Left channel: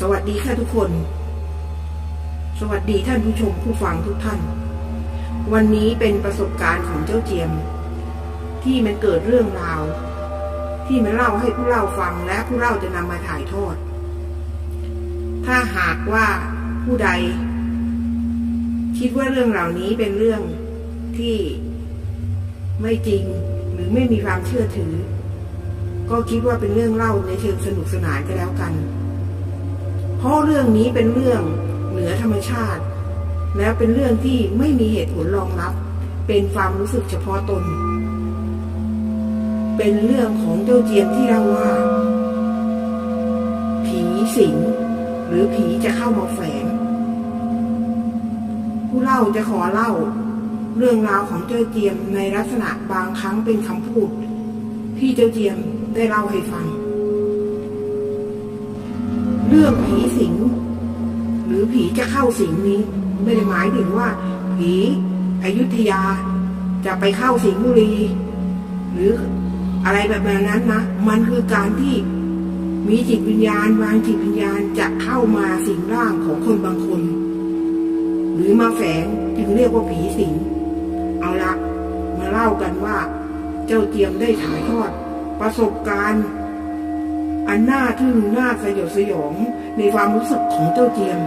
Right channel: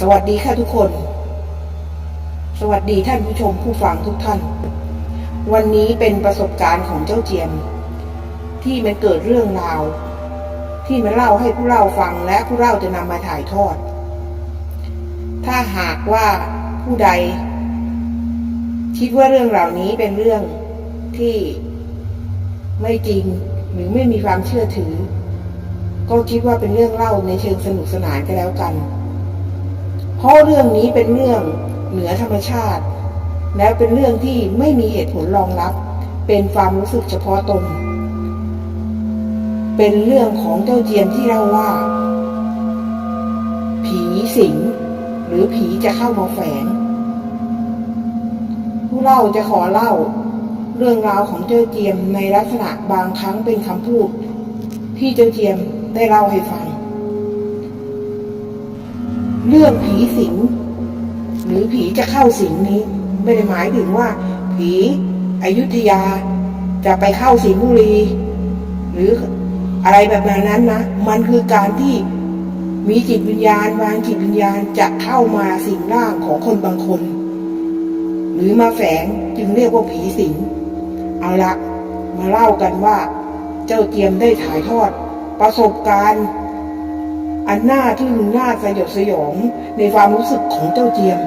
สวัสดีค่ะทุกคน สวัสดีท่านผู้ชมผู้ฟังทุกท่าน วันนี้เป็นประสบการณ์ของเจ้าเจียม ที่มันเกิดเรื่องราว ที่มันเล่าให้ผู้เล่าฟังและผู้เล่าจะนำมาถ่ายทอด ถ้าหากว่าผู้ใด คิดว่าเรื่องเหล่านี้เป็นเรื่องที่ไม่จริงหรือไม่มีความเชื่อถือ ก็คิดว่าเป็นเรื่องเล่าในเชิงสนุกสนานก็แล้วกัน เพราะเรื่องนี้เป็นเรื่องเหนือธรรมชาติ แล้วเป็นเรื่องที่ไม่มีเหตุผลรองรับ เป็นความรู้สึกเฉพาะตน เป็นเรื่องของเจ้าเจียมที่เล่าว่า ผีสิง หรือผีจะเข้ามาแฝง ผู้เล่าจะขอเล่า เรื่องราวของเจ้าเจียมในลักษณะบางครั้งเป็นคำพูด ที่เจ้าเจียมได้เล่าให้ฟัง เรื่องผีสิง หรือผีจะเข้าสิงนี้ ไม่ได้หมายถึงว่า ผีอยุธยาจะไปเข้าสิงห์บุรี หรืออะไรแบบนั้นนะ มันคือการที่มีจิตวิญญาณ วางจิตวิญญาณจะเข้ามาสิงร่างของคนบางคน หรือมาแฝงจึงเรียกว่าผีสิง เอาละมาเล่ากันว่า เจ้าเจียมได้ถ่ายทอด ประสบการณ์ อันน่าทึ่งน่าสยดสยองในความรู้สึกของเจ้าเจียม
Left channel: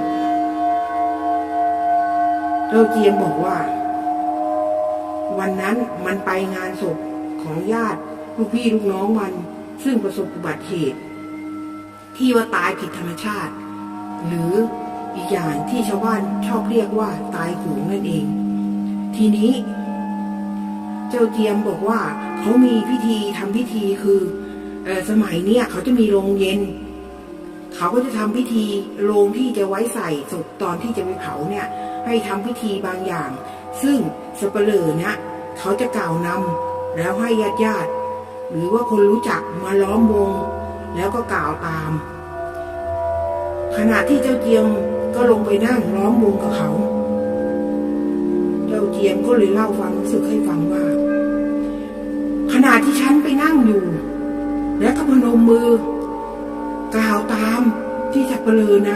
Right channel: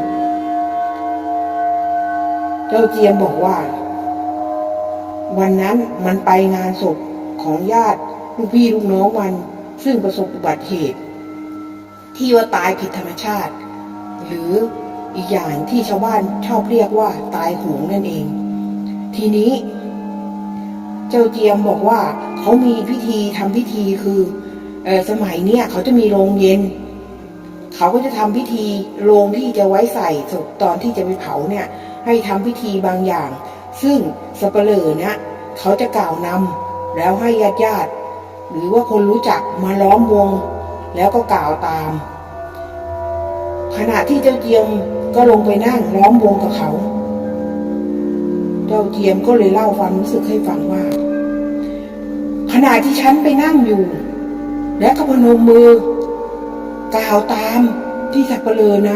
เจ้าเจียมบอกว่า วันนั้นมันไปงานศพของญาติลูกพี่ลูกน้องมัน ซึ่งประสบอุบัติเหตุ ที่ว่าตายผิดธรรมชาติ หรืออีกอย่างที่ชาวบ้านชอบเรียกว่าตายโหงนั่นเอง ทีนี้ เจ้าเจียมบอกว่าเขามีพิธีทำพิธีคือ สมัยเนี้ยเขาจะมีโรงเย็น เขาก็จะทำพิธีโรงที่จะไว้ใส่ศพตอนที่จะไปเผาเนี่ย ให้ทำพิธีบางอย่าง ซึ่งสเปเหร่อเนี่ยเขาจะกล่าวนำแล้วให้ญาติญาติหรือว่าคนรู้จักมาล้อมวง แล้วก็กล่าวตาม ขณะที่เจ้าเจียมก็ลงไปนั่งล้อมวงกับเขา เจ้าเจียมก็เลยเล่าความรู้สึกให้ฟังว่า ขณะที่ฉันไปนั่งอยู่ และก็พนมมือกล่าวตามที่สับเปลือน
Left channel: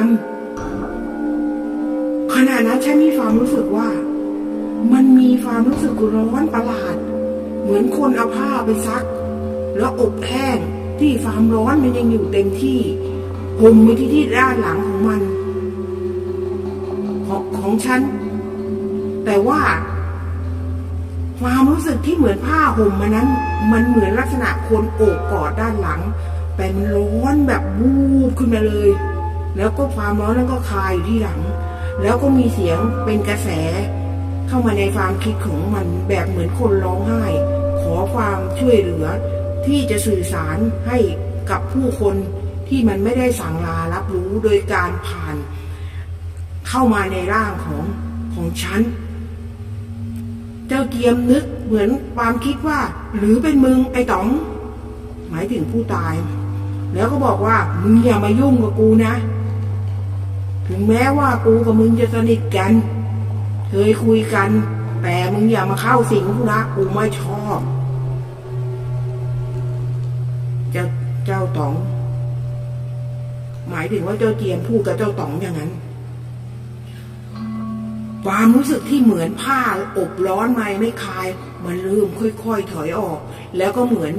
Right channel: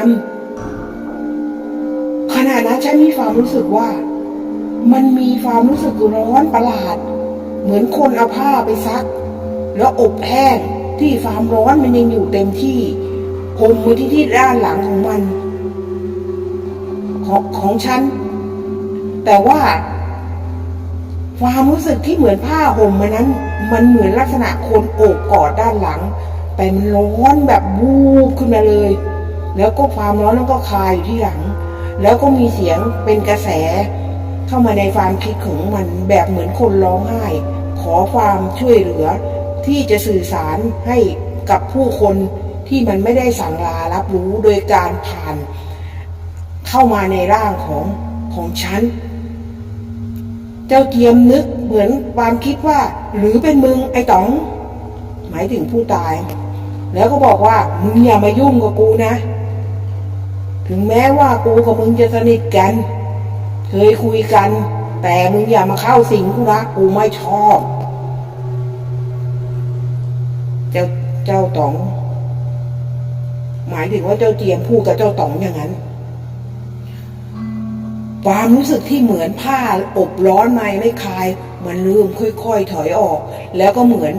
ำขณะนั้นฉันมีความรู้สึกว่า มันมีความรู้สึกร้อนประหลาด เหมือนคนเอาผ้าไปซัก แล้วอบแห้งที่ความร้อนมันยังอยู่เต็มที่ห่มมาที่ที่ด้านหลังของมัน ของของฉัน แต่ว่า ความรู้สึกที่เหมือนผ้าห่มมันนั้น มันเหมือนลักษณะคนโอบกอดด้านหลัง แต่มันร้อนแบบบูบขึ้นมาเลย แล้วก็ความร้อนนั้นก็คายอยู่ที่หลัง แล้วก็มีเสียงเป็นกระแส เข้ามาในความคิดของมันแบบเหมือนคนร้องไห้ ขอความช่วยเหลือ ที่จะสื่อสารให้กับผู้คนที่มันไม่ได้สั่งลารับรู้โดยการผ่าน เข้ามาในร่างของของฉัน จ้าเจียมนึกเหมือนความคิดว่า หรือเป็นมึงไอ้ต๋อง หมายถึงผู้ตาย แล้วก็บอกว่ามึงอย่ามายุ่งกับกูนะ ถึงแม้ว่ากูกับมึงจะสนิทกัน เคยคุยกัน แต่มึงอย่ามาเข้าสิงกูนะกูไม่ชอบ เจ้าเจ้าต๋อง หมายถึงว่าเจ้าเจียมพูดกับเจ้าต๋องอย่างนั้น ความรู้สึกที่เหมือนผ้าอบร้อนไม่ไม่คลาย มันเริ่มค่อย ๆ ถอยออก แล้วก็เหมือน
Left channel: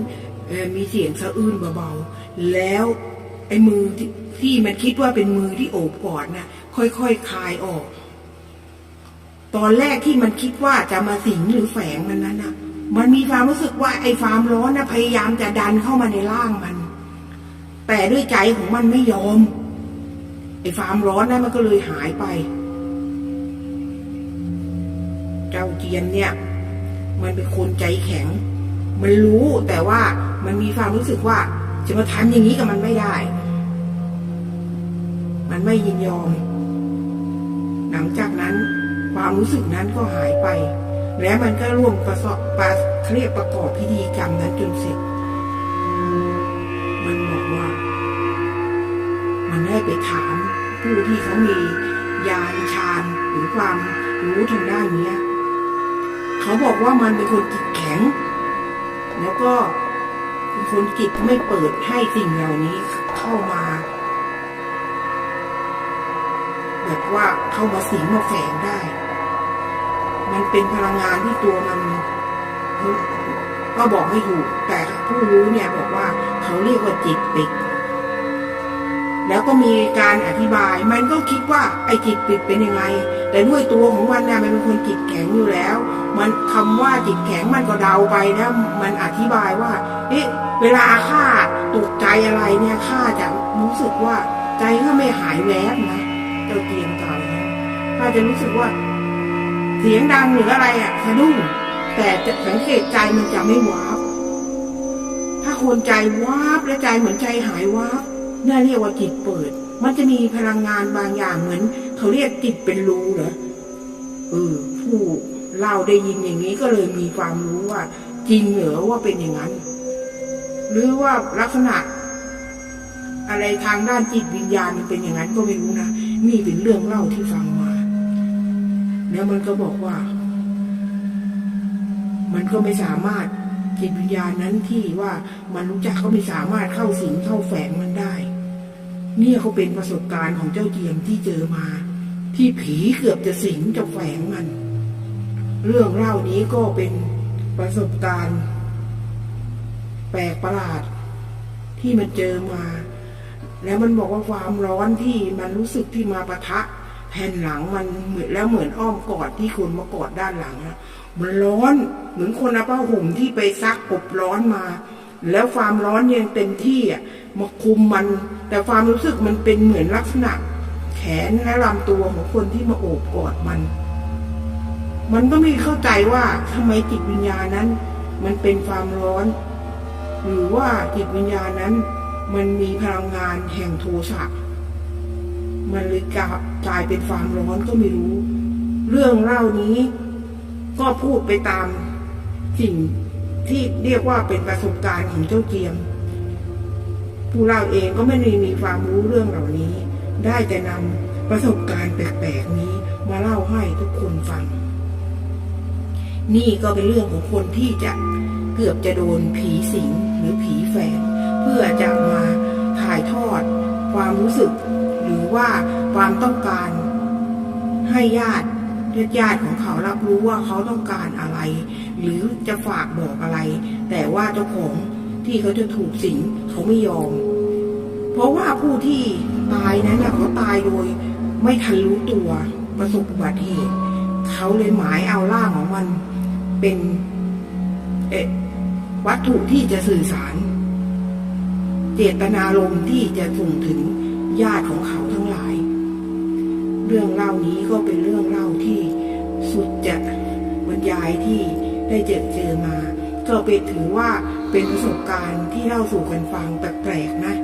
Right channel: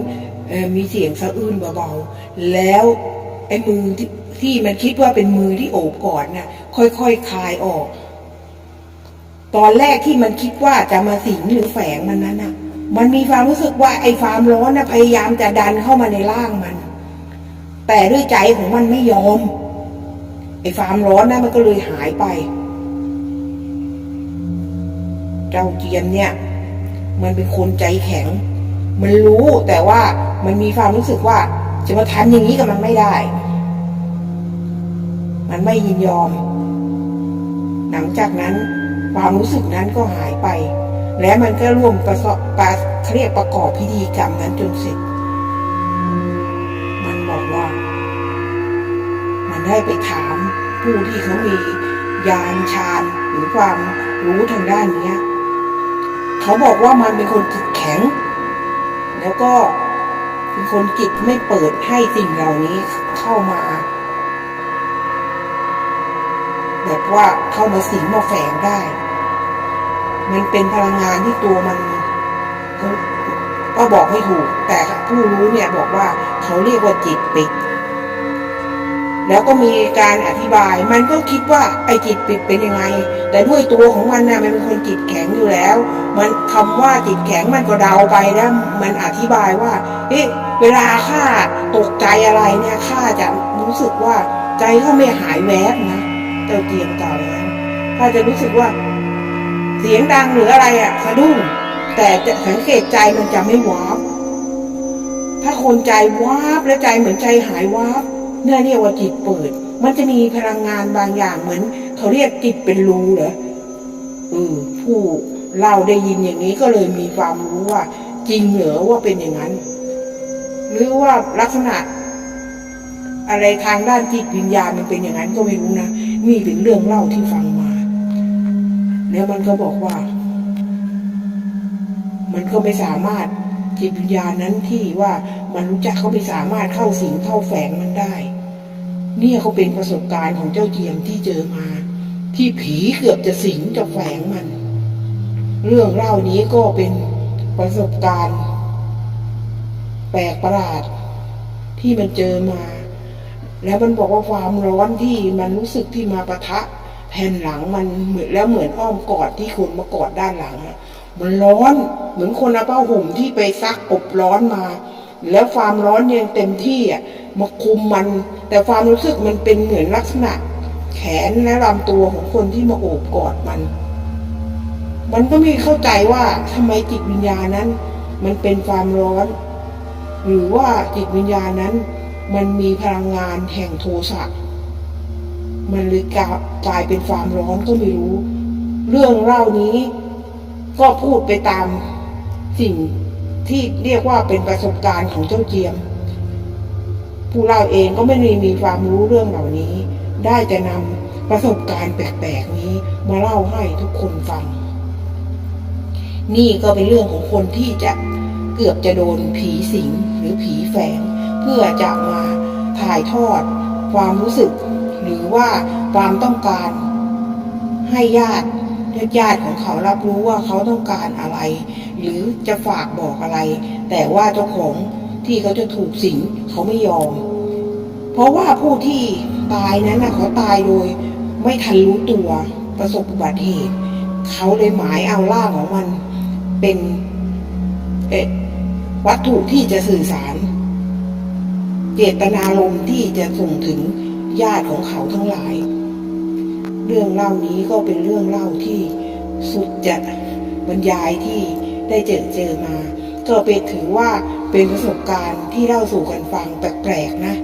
อมีเสียงสะอื้นเบาๆ แล้วไอ้มือที่ที่มันคิดว่าเป็นมือที่โอบกอดน่ะ ค่อยๆคคลายออก ตอนแรกที่มันคิดว่าจะมาสิงหรือแฝงมันนั้นน่ะ มันมีความรู้สึกว่าไอ้ความร้อนน่ะพยายามจะดันเข้ามาในร่างมัน แต่ด้วยใจของมันไม่ยอม ไอ้ความร้อนนั้นมันก็เลยหายไป เจ้าเจียมเนี่ย มันเป็นคนใจแข็ง มันรู้แต่ว่ามันมีความรู้สึกว่าจะมาทำอย่างนี้กับมันไม่ได้ มันไม่ยินยอม หลังจากนั้นความรู้สึกนั้นก็หายไป และมันก็ร่วมประสอบประเขาเรียกประกอบพิธีกรรมนั้นจนเสร็จ มันบอกว่า มันได้ไปถามผู้ที่เขามียานชาญหรือความรู้ทางด้านเนี้ย เขาบอกว่ามันเป็นคนจิตแข็ง แล้วก็เป็นคนจิตไม่เปิดให้สิ่งเหล่านี้เข้ามา แบบว่าเข้ามาสิงมาแฝงได้ มันเป็นพลังงานที่ตัวมันก็ก็บอกไม่ถูก แต่ผู้รู้เนี่ยบอกว่าเขาเรียกว่าจิตปิด แล้วก็มีการอธิบาย มันก็คิดว่าไอ้จิตปิดเป็นยังไง แต่ด้วยตัวของมันนะมันเป็นคนจิตแข็งอยู่แล้ว มันคำว่าจิตแข็งมันก็เดาไปแล้วมันอธิบายว่าเอ๊ะเวลาข้าตกใจอะไรเนี่ยข้าจะรู้สึกว่าใจข้าไม่หายแวบนะเจ้าเจียมกล่าวอย่างนั้นข้าจะรู้สึกว่า เสียงดังหรืออะไรอะสะดุ้งแต่จะสังเกตใจมันจะไม่วาบถ้าคนใจวาบและใจเหมือนใจหายวาบ นี่ยเรียกว่าจิตเปิด มันจะมีพลังงานบางอย่างเหมือน เขาเรียกจิตเป็นรูเหรอเออผู้เราได้ยินอย่างนี้ก็เลยมีความรู้ว่า จริงเหรอว่าเป็นอย่างนั้น หรือว่าลักษณะ อะไรทางด้านจิตวิญญาณมันเป็นอย่างนั้นก็ไม่รู้นะนี่เป็นเรื่องเล่าที่ฟังมา แล้วมันก็บอกว่า มันก็ไม่สามารถ จิตวิญญาณนั้นที่ว่ามันรู้จักก็ไม่สามารถเข้าสิงเข้าแฝงมันได้ เนี่ยเขาเป็นประสบการณ์ของเจ้าเจียมที่เจอมา ที่ผีเกือบจะสิงจะแฝงมัน เรื่องเล่านี้ก็เป็นประสบการณ์ แปลกประหลาดที่มันเจอมา แล้วมันบอกว่าความร้อนที่มันรู้สึกที่มาปะทะแผ่นหลังมันเหมือนแล้วเหมือนอ้อมกอดที่คนมากอดด้านหลังมันร้อน เหมือนคนเอาผ้าห่มที่ไปซักอบร้อนมา แล้วความร้อนยังเต็มที่อะมาคุมมัน แต่ความรู้สึกมันเป็นเหมือนลักษณะ แขนและลำตัวของคนที่มาโอบกอดมัน มันก็ไม่เข้าใจว่าทำไมจิตวิญญาณนั้น มันเป็นความร้อน หรือว่าจิตวิญญาณนั้น มันมีพลังงานแห่งโทสะมันเลยกลายเป็นความร้อนก็ไม่รู้ เรื่องเล่านี้ก็พูดไปตาม สิ่งที่เรียกว่าเป็นประสบการณ์ของเจ้าเจียม ผู้เล่าเองก็ไม่ได้มีความรู้เรื่องเหล่านี้ ได้แต่นำประสบการณ์แปลกๆนี้มาเล่าให้ทุกคนฟัง นี่ก็เป็นเรื่องของคนที่จะเกือบจะโดนผีสิงหรือผีแฝง เพื่อจะมาถ่ายทอด ความรู้สึก หรือว่าความต้องการให้ญาติ ญาติญาติของเขารับรู้ว่าเขาต้องการอะไร หรือจะฝากบอกอะไร แต่ว่าเจ้าของที่เขาจะถูกสิงเขาไม่ยอม เพราะว่าผู้ที่ตายนั้นนะเขาตายโดย ไม่ทันรู้ตัวประสบอุบัติเหตุ เขาเลยหมายเอาร่างของมันเป็นวัตถุที่จะสื่อสาร เจตนารมณ์ที่จะส่งถึงญาติของเขาทั้งหลาย เรื่องเล่านี้ก็เป็นเรื่องเล่าที่สุดจะบรรยายที่ได้เจอเจอมา ก็เป็นถือว่าเป็นประสบการณ์ที่เล่าสู่กันฟังแปลกๆนะ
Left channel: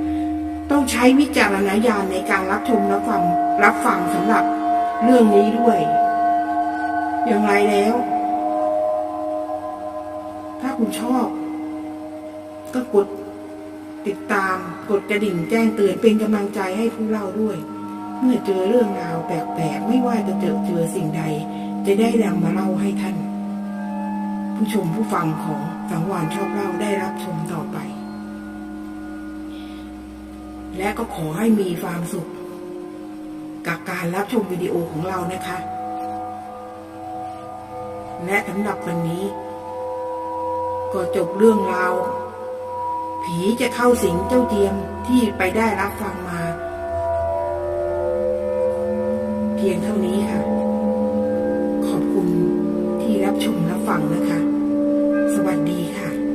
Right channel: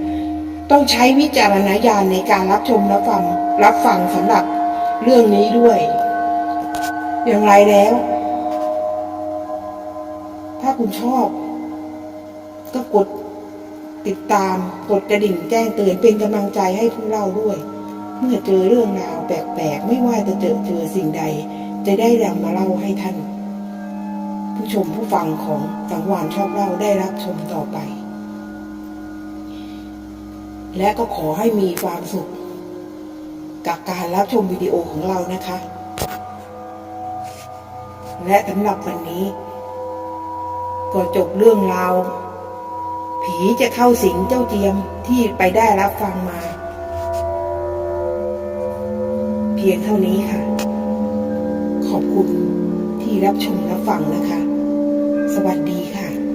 ต้องใช้วิจารณญาณในการรับชมรับฟังรับฟังสำหรับเรื่องนี้ด้วย อย่างไรแล้ว ถ้าคุณชอบ ก็กดติดตามกดกระดิ่งแจ้งเตือนเป็นกำลังใจให้ผู้เล่าด้วย เมื่อเจอเรื่องราวแปลกๆ ไม่ว่าจะเจอเจอสิ่งใด จะได้นำมาเล่าให้ท่าน ผู้ชมผู้ฟังของสังวานชอบเล่าได้รับชมต่อไป และก็ขอให้มีความสุข กับการรับชมวิดีโอของเรานะคะ และสำหรับวันนี้ ก็จบเรื่องราว ผีจะเข้าสิงเจ้าเจียมที่ไปได้รับฟังมา พียงเท่านี้ค่ะ ขอบคุณที่รับชมรับฟังนะคะ สวัสดีค่ะ